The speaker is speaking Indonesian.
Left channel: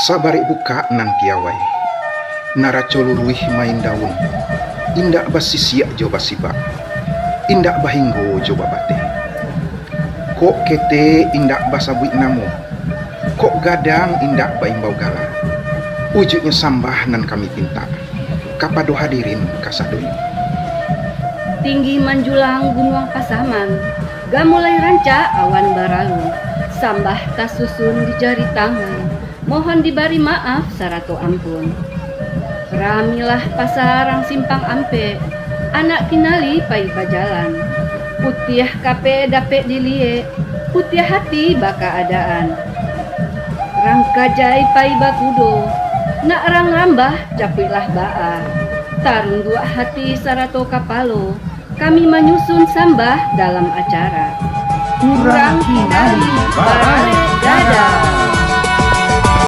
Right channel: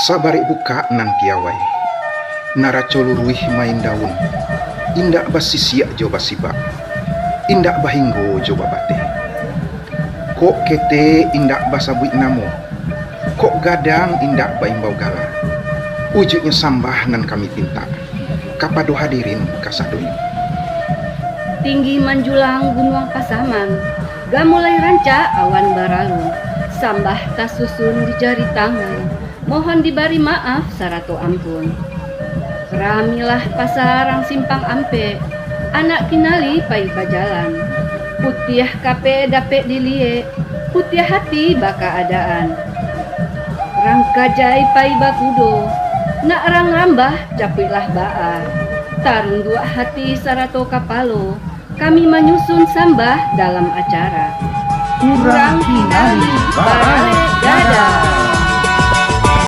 Sabari buka nan piawai. Naracon ruih main daun. Indak basisia coba sibak. Indak bahinggu coba bate. Kok kete indak basabuit namu. Kok gadang indak baimbau garam. Wujudnya sambah nan kami pinta. Kapadu hadirin kasebut. Tinggi menjulang gunung Pasaman, gak mulai rancak awan barangu. Sambah tas susun dicari tangan, mohon diberi maaf saratu ampun. Ramilah pasarang simpang ampe, anak kenali pai pajalan. Putiah kape dapet dilie, putiah hati baka adaan. Rangka jai pai bakudo, nak rang ngambah capilah baa. Tarung dua hati sarato kapalo, kami menyusun sembah dalam acara. Kurang kinali barang dada.